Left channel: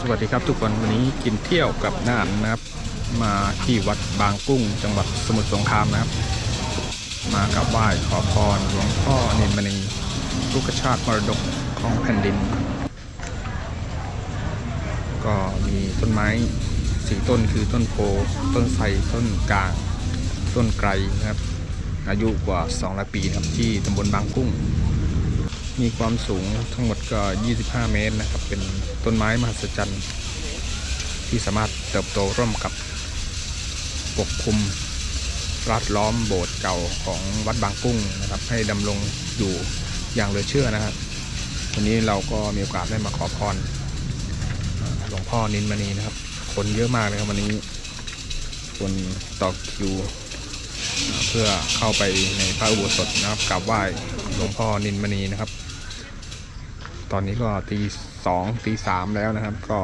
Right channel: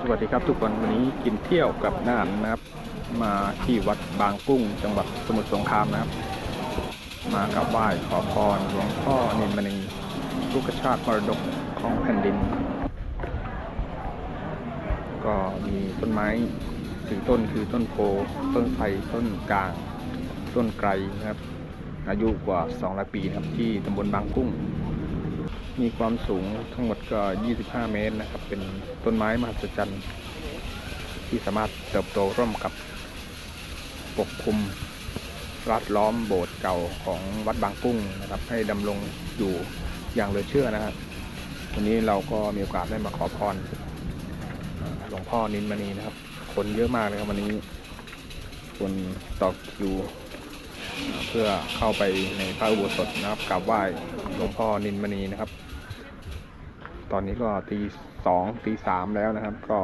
สวัสดีครับทุกคนวันนี้กินเที่ยวกับน่านนะครับ มาที่วัดบางกุ้งจังหวัดสมุทรสงครามนะครับ มากราบไหว้ขอพรหลวงพ่อเนนมณีลูกชาติมรดกของแผ่นดิน ก็มีต้นไม้สี่ต้นคือต้นโพต้นไทรต้นกลาง ต้นไกรนะครับ อายุกว่า 200 ปีนะครับที่ตำบลบางกุ้ง มีความสูงทั้งหมดก็ 25 เมตรนะครับ เป็นต้นไม้มหัศจรรย์ที่สามารถเติบโตร่วมกับปกคลุมรัดล้อมโบสถ์เก่าของวัดบางกุ้งนะครับ ให้ดำรงอยู่อย่างเหลือเชื่อนะครับวันนี้เราก็มีโอกาสได้มาขอพรหลวงพ่อนินมณีนะครับ คนเยอะมากเลยครับวันนี้ คนต่อคิวเพื่อเข้าไปในพระอุโบสถนะครับกราบไหว้หลวงพ่อนินมณีนะครับ ตอนนี้ก็ตีสองตีสามแล้วนะครับ ก็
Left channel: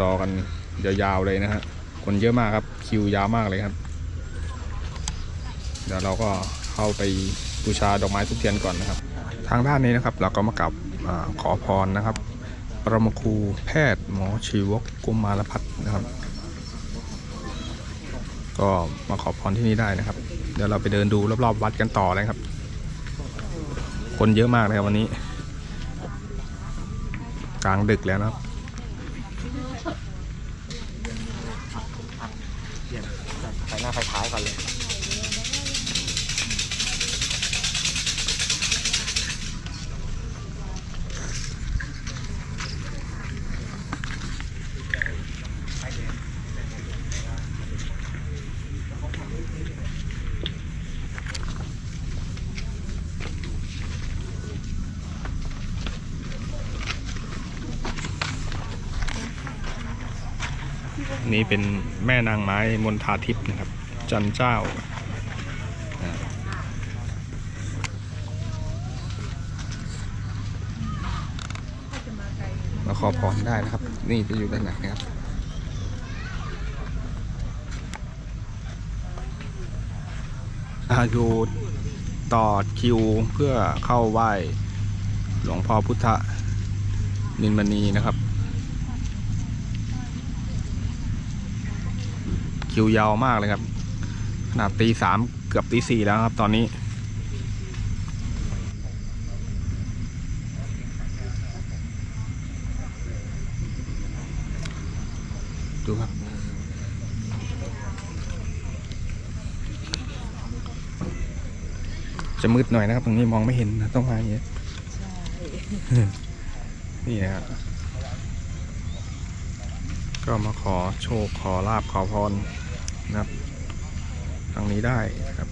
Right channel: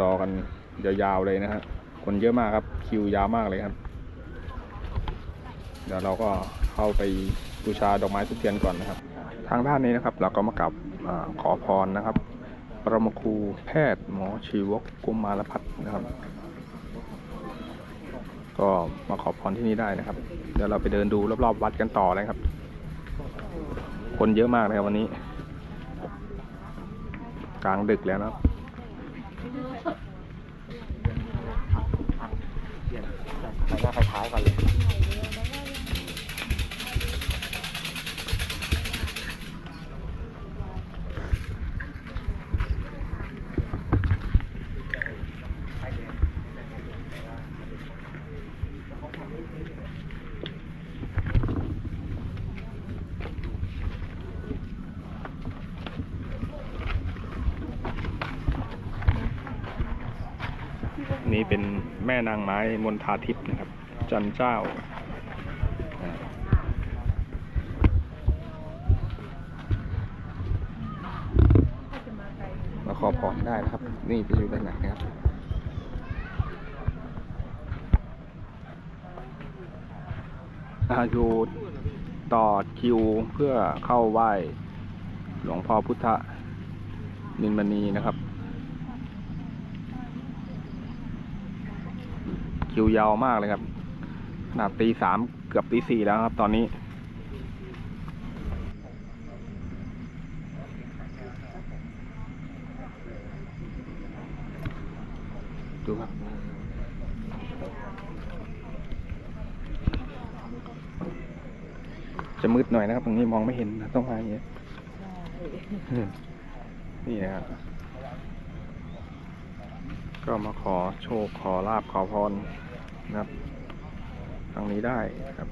รอกันยาวๆเลยนะฮะคนเยอะมากครับคิวยาวมากเลยครับ เดี๋ยวเราก็เข้าไปบูชาดอกไม้ทุกเทียนก่อนนะครับ ทางด้านนี้นะครับเราก็มากราบอขอพรนะครับ ปรมาครูแพทย์หมอชีวกกุมารพัฒน์นะครับ ก็มาขอพรที่นี่ได้นะครับ เดี๋ยวเราไปเดินดูรอบๆวัดกันต่อเลยครับ คนเยอะมากเลยครับวันนี้ กลางดึกแล้วนะครับไปหน้าไฟท้ายก่อนเลย นี่เป็นแม่นางไม้มณฑาทิพย์นะครับ จันเจ้าอ่ามาขอพรได้นะครับ นี่จะอยู่ด้านไหนครับอาอยู่ต่อคิวเพื่อเข้าไหว้หลวงพ่อพุทธนินมณีนะครับ คิวยาวมากเลยครับขนาดตีสามเกือบตีสี่แล้วครับ ตอนนี้ ดูครับ จะมืดหน่อยนะครับ ตรงนี้มองไม่เห็นนะต้องมาอย่างเงี้ยนี่นะครับ ก็มาขอโชคขอลาบขอพรนะครับทางนี้ได้นะครับ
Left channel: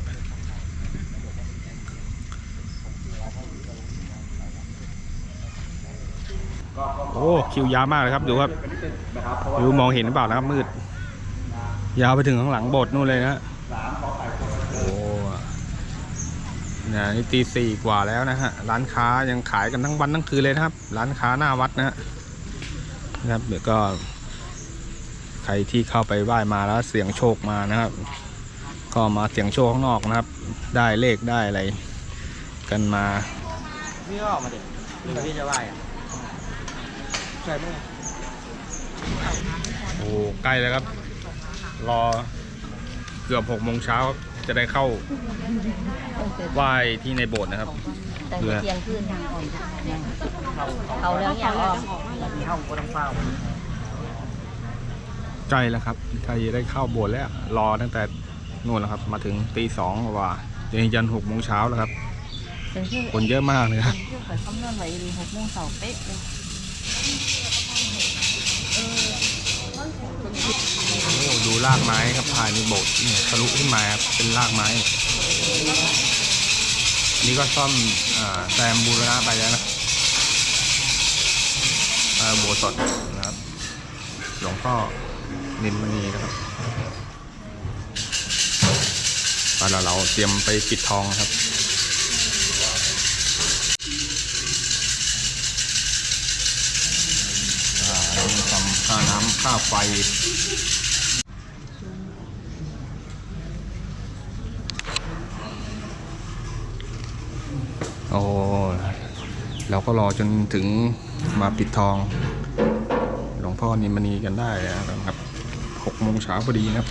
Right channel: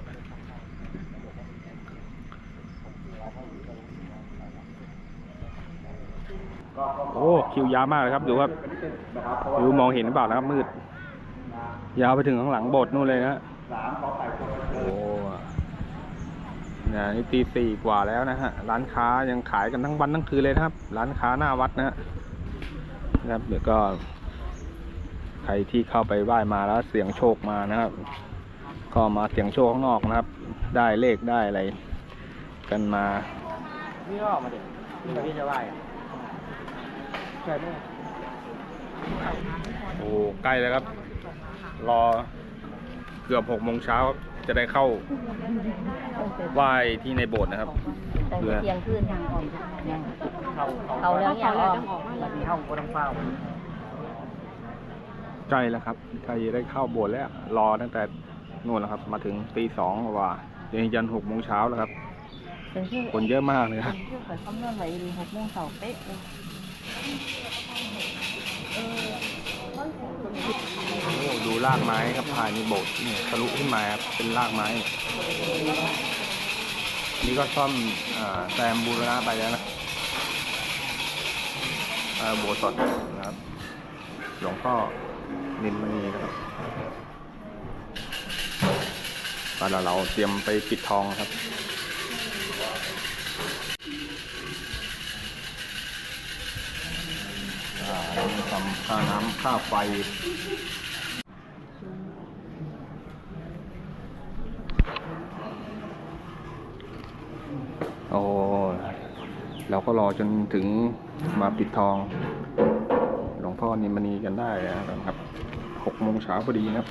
โอ้คิวยาวมากเลยครับดูครับดูมองเห็นหรือเปล่านะครับมืด ยาวไปถึงข้างหลังโบสถ์นู่นเลยนะฮะโอ้เนี่ยนี่ตีสี่กว่าแล้วนะฮะร้านค้ายังขายกันทั้งวันทั้งคืนเลยนะครับ ร้านค้าหน้าวัดนะฮะนะครับเดี๋ยวก็ ใครที่เข้าไปไหว้มาแล้วเสี่ยงโชคมานะครับ ก็มาเสี่ยงโชคข้างนอกนะครับ ได้เลขได้อะไรกันมาพี่ก็ออกมาเด็กนี่พี่จะไหวอะใช่ไหมโอ้ใกล้แล้วครับ รอเกือบหกโมงเช้าจะได้เข้าไหว้ที่ในโบสถ์นะครับตั้งแต่เที่ยงคืนทางออกยังเข้าเข้าเขาแล้วยังออกมีเข้าก็ต้องเฝ้า ใกล้แล้วครับใกล้จะได้เข้าโบสถ์แล้ว รอตั้งแต่นู่นแล้วครับ มาถึงตีสองกว่าจนยันหกโมงเช้าแล้วครับ เป็นชื่อคนเยอะมากเลยครับ เป็นเพื่อข่อยคำนวณไว้ดีหกโมงเสาร์เป๊ะเลยโอ้ดูรากไม้ครับภายในโบสถ์เนี่ยทะลุขึ้นมาครับเป็นรากไม้ นี่ก็ซ่อมอาแซมบูรณะไปแล้วนะอ่าโบสถ์นะครับหลวงพ่อ นินมณีนะครับตอนเราเราเตรียมไปปิดทองครับทำค่าน้ำค่าไฟโอ้เราก็รอจนถึงมาปิดทองพ่อนิมณีกันได้นะครับ หกโมงเช้าพอดีนะครับ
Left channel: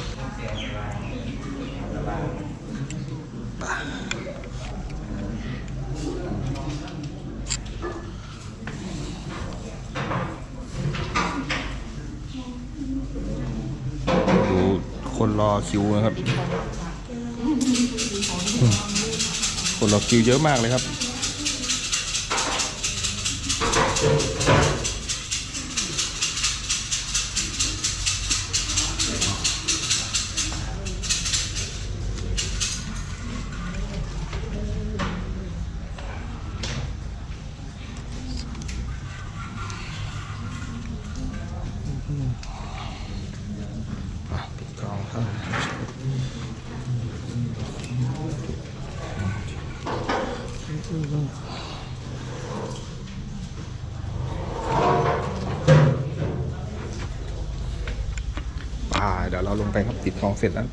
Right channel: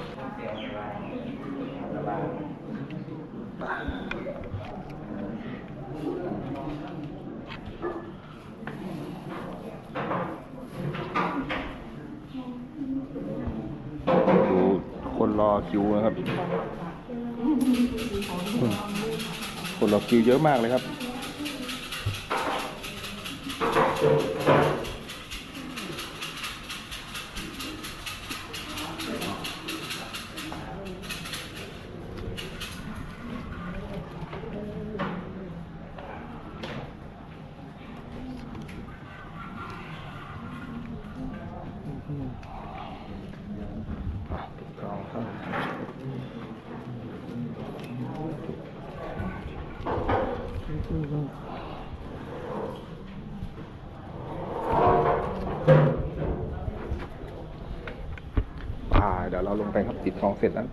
ดูคนรอคิวนะครับ คนรอคิวเยอะมากเลยครับ ป่าเดี๋ยวเราลงไปครับติดทองเสร็จแล้ว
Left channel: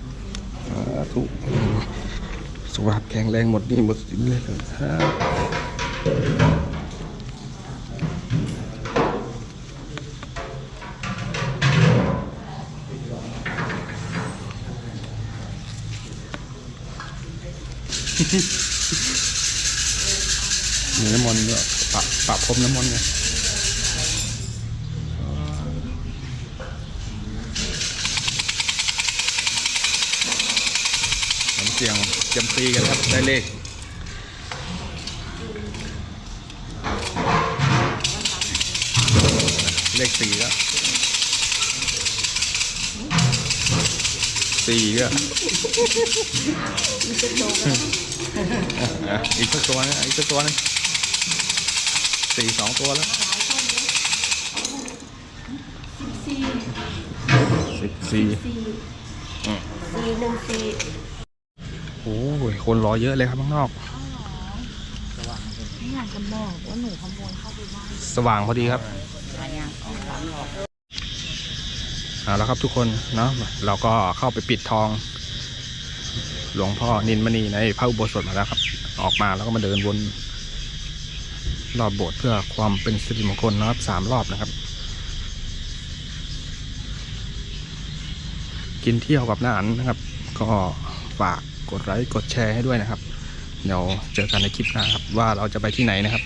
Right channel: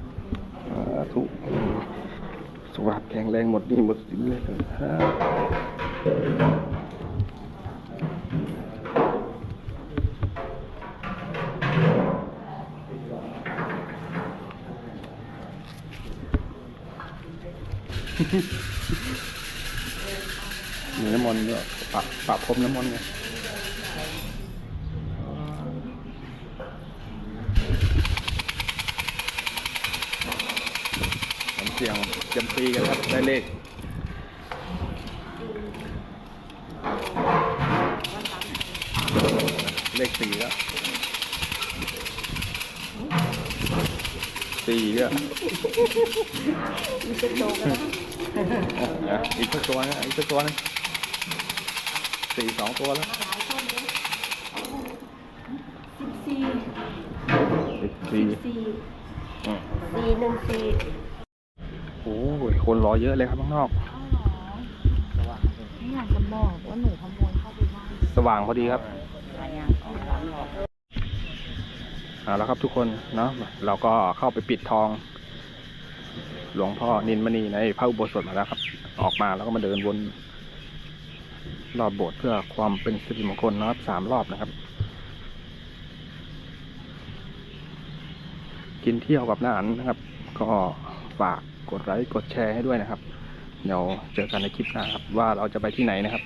สาธุสุขภาพแข็งแรงหมดนี่หมดสินเลยครับ มีน้ำมนต์ด้วยปะปะพรมน้ำมนต์เนี่ยผมเสียงจมตีกันครับ ได้เลขเลขสี่แล้วสี่ก็อะอีกสักตัวนึงอีกสักตัวนึง สี่สองตัวแล้วสิบสี่อืมสี่หนึ่งสี่โอ้ยคนรอเยอะเลยครับข้างนอก ไม่อยากจะบอกว่าหนูขโมยเข้าไปได้สว่างพอดีครับอะไรอะอ๋อสามหลอดเอาแล้วครับทุกคนเนาะเราก็เข้าไปปิดทอง หลวงพ่อนินมณีในพระอุโบสถมาแล้วครับ ออกมาแล้วก็มาเดินวน รอบโบสถ์เพื่อความเป็นสิริมงคลนะครับสามรอบนะครับ กินเที่ยวกับน้าอันนะครับ ก็ฝากกดไลค์กดแชร์ให้ด้วยนะครับ เดี๋ยวเจอกันในคลิปหน้าครับว่าเราจะไปที่ไหนนะครับ